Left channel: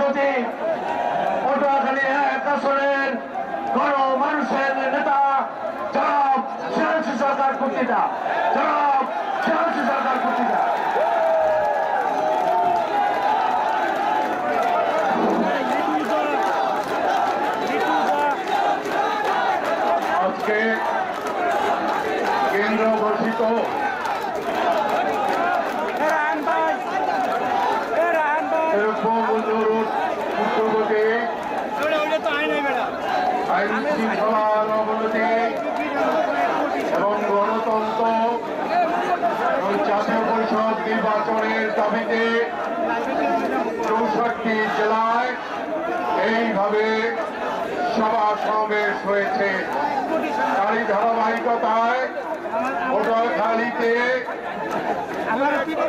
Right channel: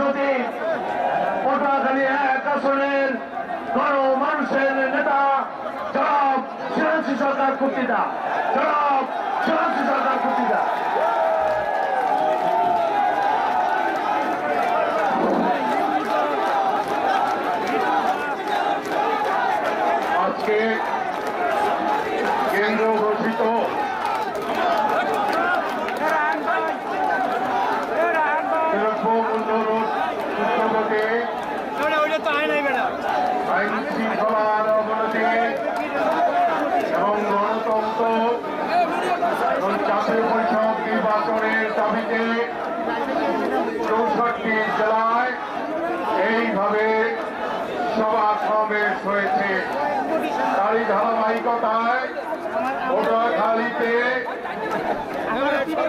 যদি পটুয়াখালী এক আসনের মানুষের নেতা জনাব সিরাজি সরকার আজকে কেন্দ্র ঘোষিত। চৌষট্টি জেলায় এইভাবে সভা সমাবেশ হয়েছে। তারই ধারাবাহিকতায়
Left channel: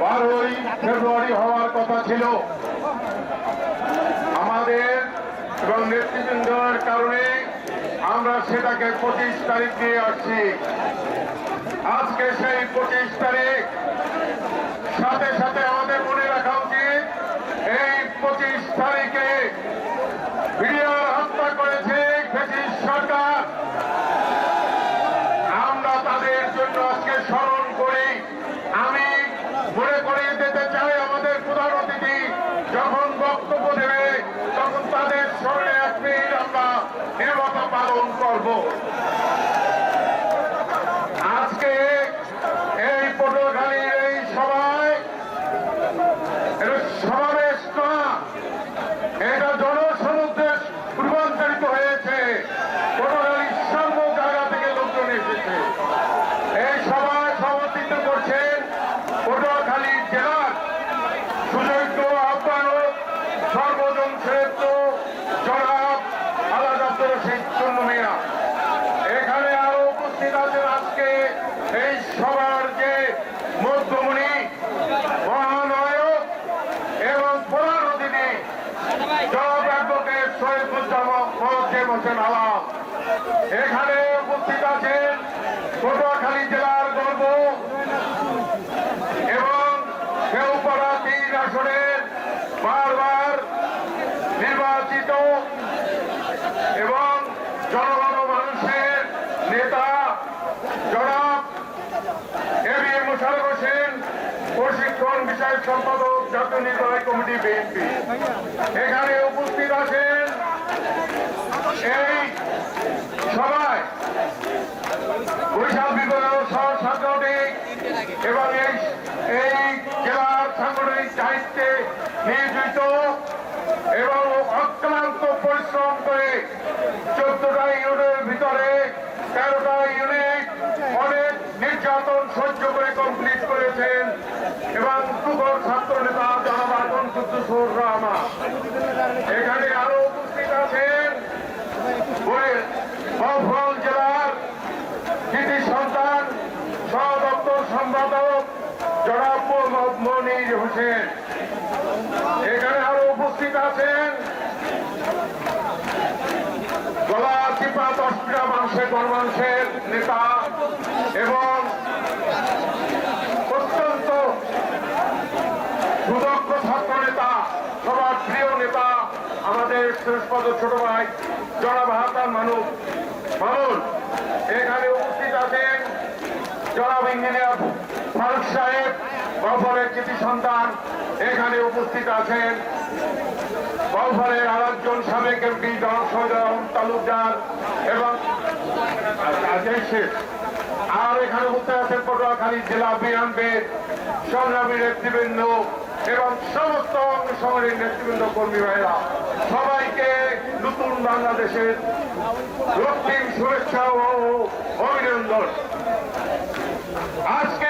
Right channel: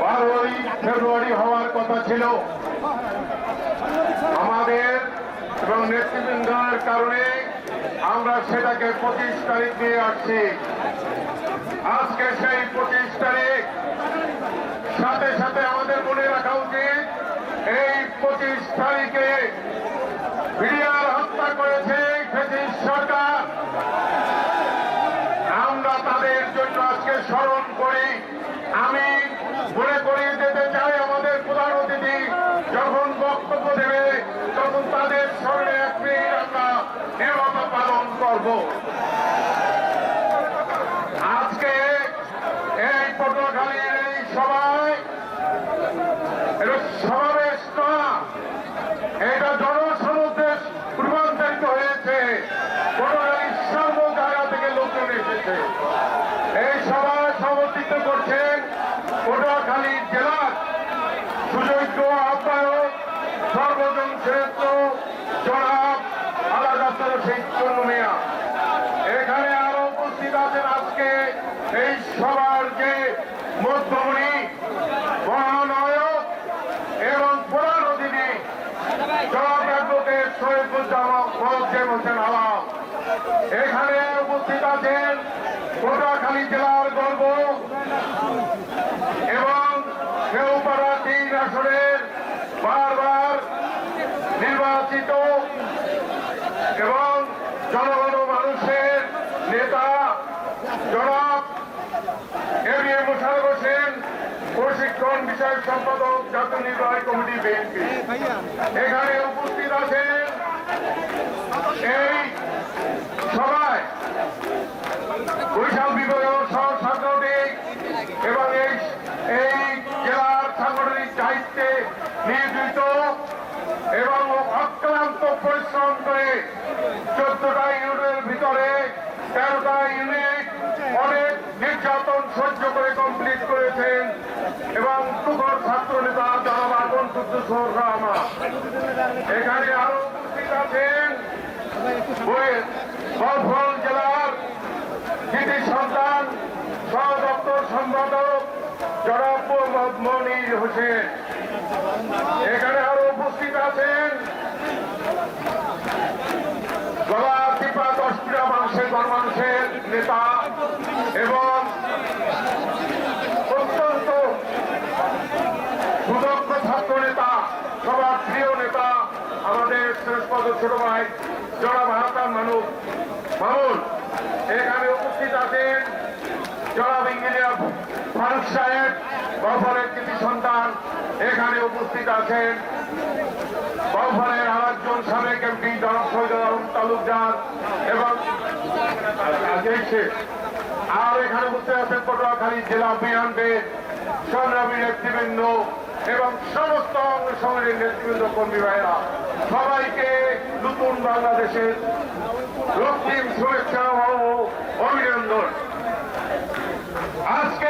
বারোই ফেব্রুয়ারি হওয়ার কথা ছিল। আমাদের এবং নেতৃবৃন্দের কারণে আমরা সেটাকে পঁচিশ তারিখ নিয়ে আসছি। আজকে সেই পঁচিশ তারিখ, সাথে সাথে আমাদের মনে রাখা উচিত এই পঁচিশ তারিখে বিডিআর হত্যা করেছে ব্রিটিশ সরকার। আমরা তাদের জন্য আজকে স্মরণ করি। আমি মনে করে যেতে চাই আমাদের প্রধান অতিথি যখন বক্তব্য দেবে, তখন তাদের স্মরণে এক মিনিট আমরা নির্বাচন পালন করব আজকে এই পটুয়াখালীর এই সভায় এটা সমাবেশ না এটা জনসমুদ্রে রূপান্তরিত হয়েছে পটুয়াখালীর সর্বজায়গা থেকে লোকজন এসেছে এই সভায় সমর্থিত করছেন পটুয়াখালী জেলার সুযোগ্য আহ্বায়ক শ্রেষ্ঠ জনাব সেই চন্দ্রিয়া এখানে আরও উপস্থিত আছেন এই সভার যে এবং প্রধান অতিথি, জনাব এখানে উপস্থিত আছেন পটুয়াখালী জেলার গর্ব এবং কেউপাড়া তিন আসনের বারবার নির্বাচিত এবং জনগণ মানুষের নেতা জনাব এম এ মোশারফ হোসেন প্রশিক্ষণ সম্পাদক জাতীয় নির্বাহী কমিটি বিএনপি। এখানে উপস্থিত আছেন এই সভায় বৈশাখ বিগত সাংগঠনিক এবং এই এই জেলার সাংগঠনিক দায়িত্বে নিয়োজিত এবং অক্লান্ত পরিশ্রম করে চোদ্দটা ইউনিটের ভিতরে তেরোটা ইউনিট অনেক নির্যাতন সহ্য করে কমপ্লিট করেছেন। তুগর ছাত্র নেতা জনাব আগুন কুদ্দুসুর রহমান এখানে আরও উপস্থিত আছেন মফল জেলার কৃতি সন্তান সদপ্তর সম্পাদক জনাব মনির হোসেন। এখানে আরও উপস্থিত আছেন গলা ত্রিপুরা দশপিরা মানুষের গণমানুষের নেতা এবং অত্যন্ত সুদক্ষ ছাত্র নেতা সবার প্রিয় নেতা আমাদের শ্রেষ্ঠপদ ছোট ভাই জনাব হাতার মানব মামুন এখানে উপস্থিত আছেন জনাব ইঞ্জিনিয়ার ফারুক সাহেব, গফরের কৃতি সন্তান। এখানে উপস্থিত আছেন গফরের আরেকজন সাবেক এমপি, জনাব আলম তালুকদার এবং আর এখানে উপস্থিত আছেন পটুয়াখালী জেলা বিএনপির সংগ্রামী নেতৃবৃন্দ এবং সমস্ত সংগ্রামী নেতৃবৃন্দ কর্মী সবাইকে নতুন বাংলাদেশের রক্তিম শুভেচ্ছা ও অভিনন্দন। আজকে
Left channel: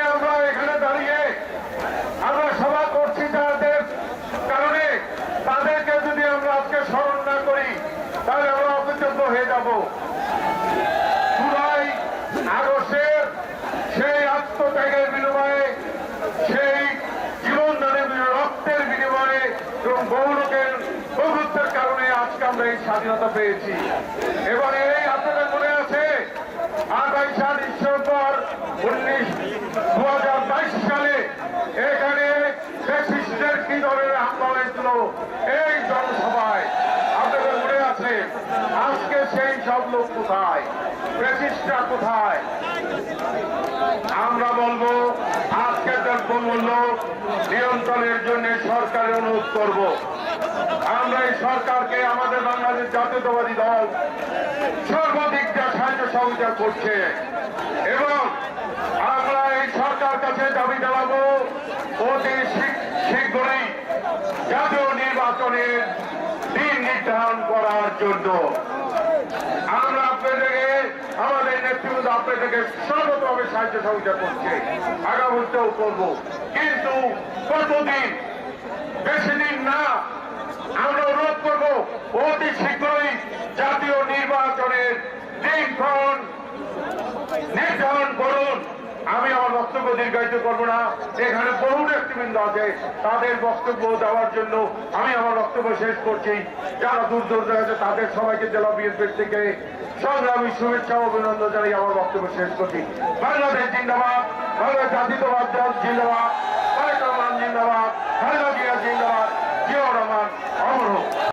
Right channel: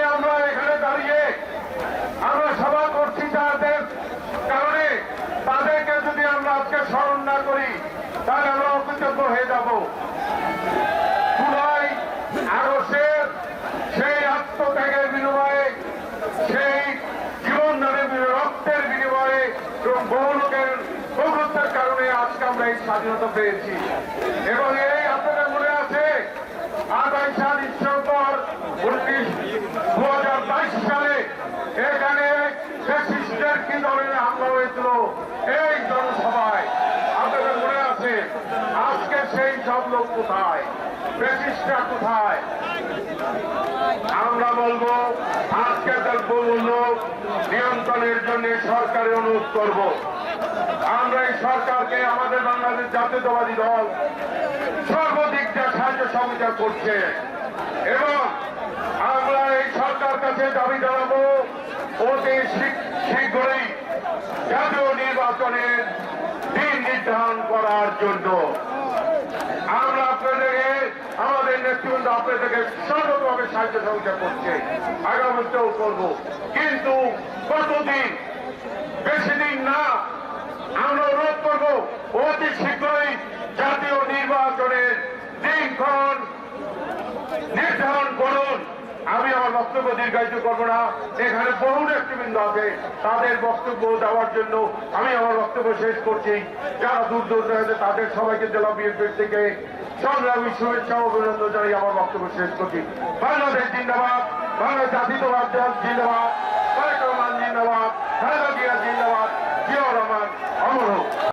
স্বাধীনতা পেয়েছি। এবং এই আপনাদের মনে আছে আঠাইশা ডিসেম্বর উনিশ দু সালে এখানে ফেসিস্টের কি ধরনের আন্দোলন হয়েছিল এই জনসভায় আপনাদের মনে আছে। আজকে সেই জন্ম কোথায়? ফেসিস্টরা কোথায়? আমরা বলব আজকে তার দ্রব্যমূল্য নিয়ন্ত্রণের জন্য সরকারের অনুরোধ করব। সরকারকে আমাদের বাংলাদেশ জাতীয়তাবাদী দল সর্বাধিক সাহায্য সহযোগিতা করছে। এবং আমরা এই সরকার কাছে দাবি জানাব, অতি শীঘ্রই জাতীয় নির্বাচনের দিন নির্ধারণ করার জন্য। আমরা আপনাদেরকে আমাদের নেতৃত্ব আপনাদেরকে সর্বভাবে সাহায্য সহযোগিতা করছে। আগামীতেও করব। কিন্তু কতদিন? বেশি দিন না। আমরা অনুরোধ করব, অতি শীঘ্রই জাতীয় নির্বাচনের দিনক্ষণ নির্ধারণ করুন। আমি আমার বক্তব্য দীর্ঘায়িত করব না। এখানে বহু নেতৃবৃন্দ আছে, তাদের বক্তব্য দেওয়ার জন্য আমি আমার বক্তব্য শেষ করছি। যারা দূর দূর আছে, তাদের সবাইকে জেলা বিএনপির থেকে সংগ্রামী শুভেচ্ছা অভিনন্দন জানিয়ে আমার বক্তব্য শেষ করছি। বাংলাদেশ জিন্দাবাদ, বাংলাদেশ জাতীয়তাবাদ জিন্দাবাদ জিন্দাবাদ।